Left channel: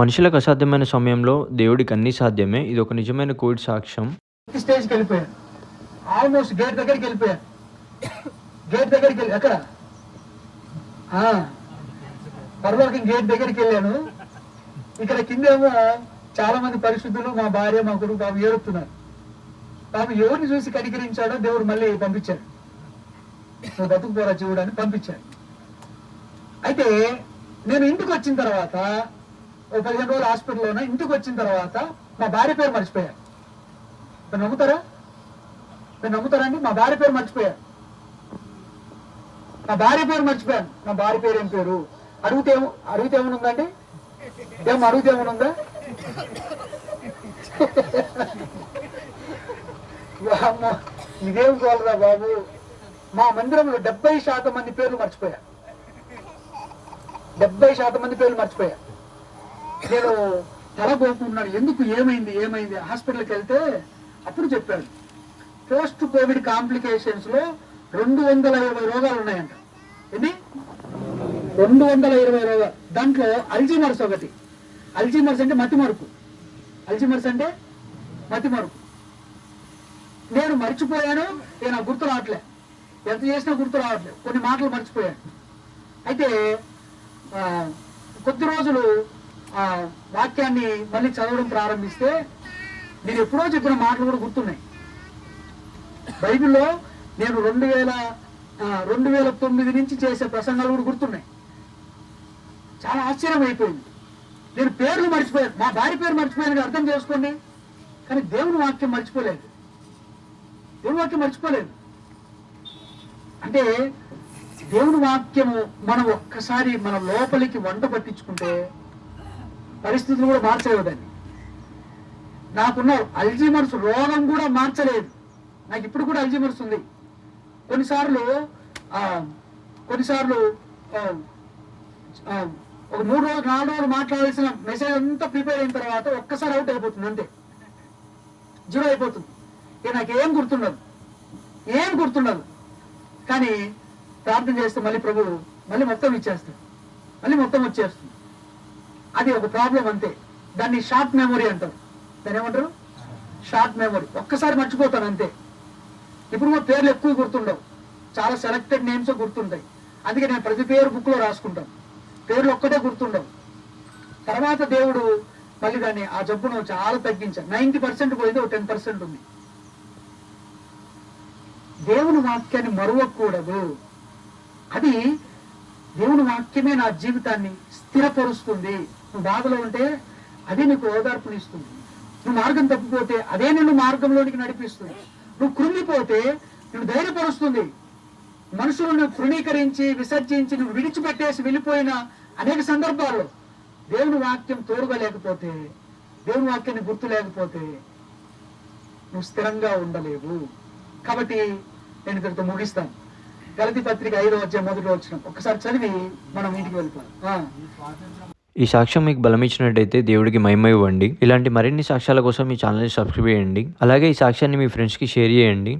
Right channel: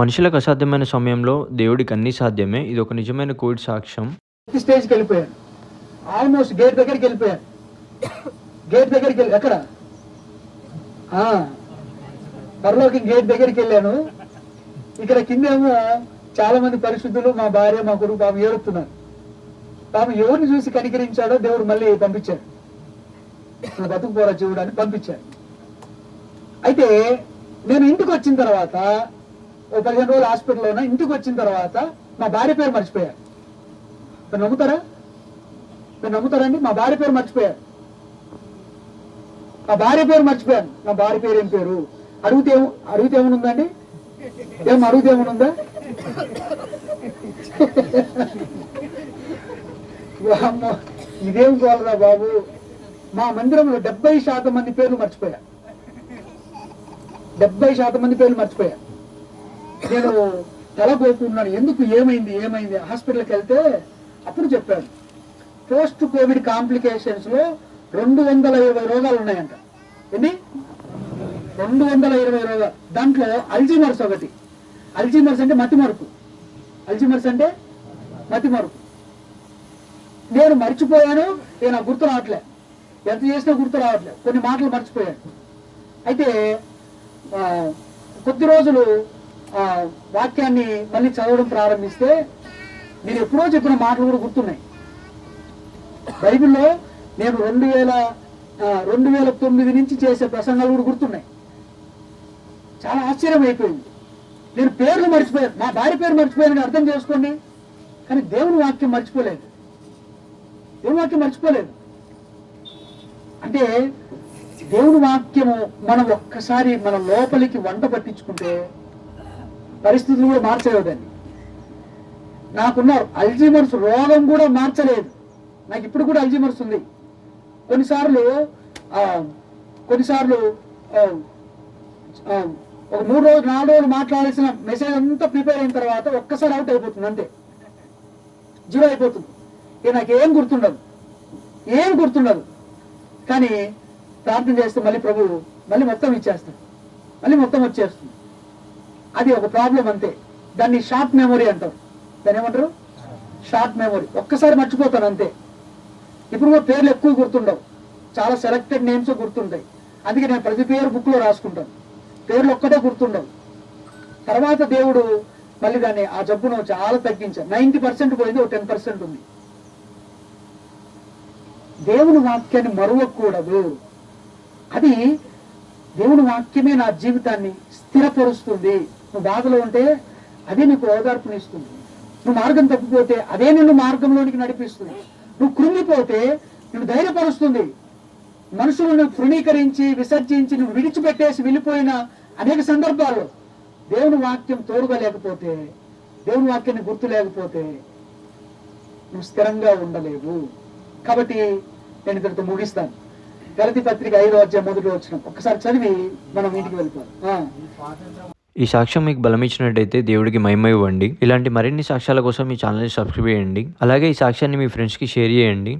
మనుషులకు అసాధ్యమైన సమయంలో దేవుడికి అన్నీ సాధ్యమే. ఇదొక నిజమైన కోవిడ్ సాక్ష్యం. స్టేజ్కి వెళ్ళిపోయాను. ఆల్మోస్ట్ గేట్ దగ్గరికి వెళ్ళిపోయాను. గేట్ దగ్గరికి వెళ్ళి ఎక్కడ పరలోకి గేట్ దగ్గరికి వెళ్ళాను. ఇక్కడ కిందేమో చాలా మంది పరిశుద్ధులు, మా భార్య, మా కొడుకు పాపం ఏడుతున్నారు. పాపం ఎవరిని చూసి కనికరించాడో దేవుడు మళ్ళీ పంపించాడు. బతుకుపోరా చూడని పంపించాడు. అయితే నేను ఇంటికి వచ్చిన తర్వాత ఓ 15 రోజులు హాస్పిటల్లో ఉన్నా. ఇంటికి వచ్చిన తర్వాత మా భార్య పేరు మర్చిపోయాను. మీరు నమ్ముతారా? మీరు నమ్ముతారండి? మా భార్య పేరు మర్చిపోయాను. మా భార్య పేరు మర్చిపోయాను. మా భార్య పేరు ఏం పేరు అడిగితే ఏమనుందండి? అడిగితే ఏమనుందా? ఇదేం కోలరా బాబు. మా మందిరంలో 70% మంది పేర్లు మర్చిపోయాను. 70% మంది పేర్లు మర్చిపోయాను. నేను తలపోతున్నాను. ఎందుకు? ఏమైంది హాస్పిటల్కి వెళ్తే అప్పుడు చెప్పాను, పోస్ట్ కోవిడ్ కాంప్లికేషన్స్ లో 220 రోగాలు ఉన్నాయంట. ఏంటి? 220 రోగాలు. దాంట్లో అల్జీమర్స్ ఒకటి. అల్జీమర్స్ అంటే మతిమరుపు. నేను మర్చిపోయాను. నేను గుర్తు రావట్లే. ఎంత చేసినా గుర్తు రావట్లేదు. కొన్ని మాటలు మర్చిపోయాను. అయితే కొద్ది రోజులు వాక్యాన్ని మళ్ళీ చదవడం ప్రారంభిస్తే నేను ఎప్పుడో చెప్పిన మాటలు కూడా గుర్తున్నాయి. బైబిల్లో నేను 2009 నుంచి చేసే ప్రసంగాలు కూడా గుర్తున్నాయి. చాలా ఆశ్చర్యం అయిపోయింది. నేను పేర్లు మర్చిపోయాను. మా భార్య పేరు మర్చిపోయానని అర్థం చేసుకోండి. కానీ దేవుని వాక్యం మర్చిపోలేదు. అంటే దేవుని వాక్యము మనం ఒక్కసారి మన లోపలికి వంట పట్టించుకుంటే పరిస్థితులు కూడా మార్చలేదండి. నాకున్న అల్జీమర్స్ రోగం కూడా మార్చలేదు. నాకు ఇప్పుడు కూడా అల్జీమర్స్ ఉంది. కొన్నిసార్లు ఒక 3 రోజులు 4 రోజులు మాట్లాడాల్సిన మెసేజ్ అంతా ప్రిపేర్ అయిన తర్వాత ఒక్కసారి అవుట్ అయిపోతుంది. అంతే, జీరో అయిపోతుంది. ఇక నాకేం గుర్తుండదు. కానీ ప్రార్థన చేస్తే మళ్ళీ ప్రభు మళ్ళీ మొత్తం ఇచ్చేస్తాడు. మళ్ళీ మొత్తం వచ్చేస్తుంది. అది ఒక ప్రాబ్లం అంతే. దాన్ని షార్ట్ మెమొరీ అంటారు. దాన్ని ఏమంటారు? Short memory. ఒక్కసారి మర్చిపోతాను అంతే. ఇప్పుడు కూడా పేర్లు ఎక్కువ గుర్తుండవు. చాలా సెలెక్టెడ్ నేమ్స్ గుర్తుంటాయి. అందుకే నేను ప్రతి పేరు బుక్ లో రాసుకుంటాను. పేర్లు ఒక్కటే గుర్తుండవు. తర్వాత దేవుడు మళ్ళీ దాన్ని ఆ జబ్బును చాలా తగ్గించాడు. 90% పోయింది, ఒక 10% ఉంది. దేవుని వాక్యాన్ని మరువకూడదు. అది దేవుని వాక్యమే నా జీవితాన్ని స్థిరపరుస్తుంది. నువ్వు బాధలో ఉంటే అదే నీకు ఓదార్పునిస్తుంది. నువ్వు మార్గం తప్పిపోతే అదే నిన్ను మార్గంలోనికి నడిపిస్తుంది. నువ్వు కృంగిపోతే నువ్వు ధైర్యపరుస్తుంది. మనుషులను తృణీకరించి విసర్జించి నువ్వు విడిచిపెట్టేసి వెళ్ళిపోయిన అనేక సందర్భాల్లో దేవుని వాక్యం తోడుగా లేకపోతే, దేవుని వాక్యాన్ని గుర్తు లేకపోతే నువ్వు స్థిరంగా ఉండలేవు. కాబట్టి నేను ఇక్కడితో ముగిస్తాను. గలతీ పత్రిక 5వ అధ్యాయం 1వ వచనం ఒక్కసారి చదివి మనం ఇంటికి వెళ్ళిపోవాలి. ఈ సాక్ష్యం మీకు బలమిచ్చినట్టయితే దేవుడికి మహిమ ఇవ్వండి. ఇలాంటి మరిన్ని సాక్ష్యాల కోసం ఈ ఛానల్ని సబ్స్క్రైబ్ చేయండి. అలాగే ఈ సాక్ష్యాన్ని మీ ఫ్రెండ్స్కి షేర్ చేయండి.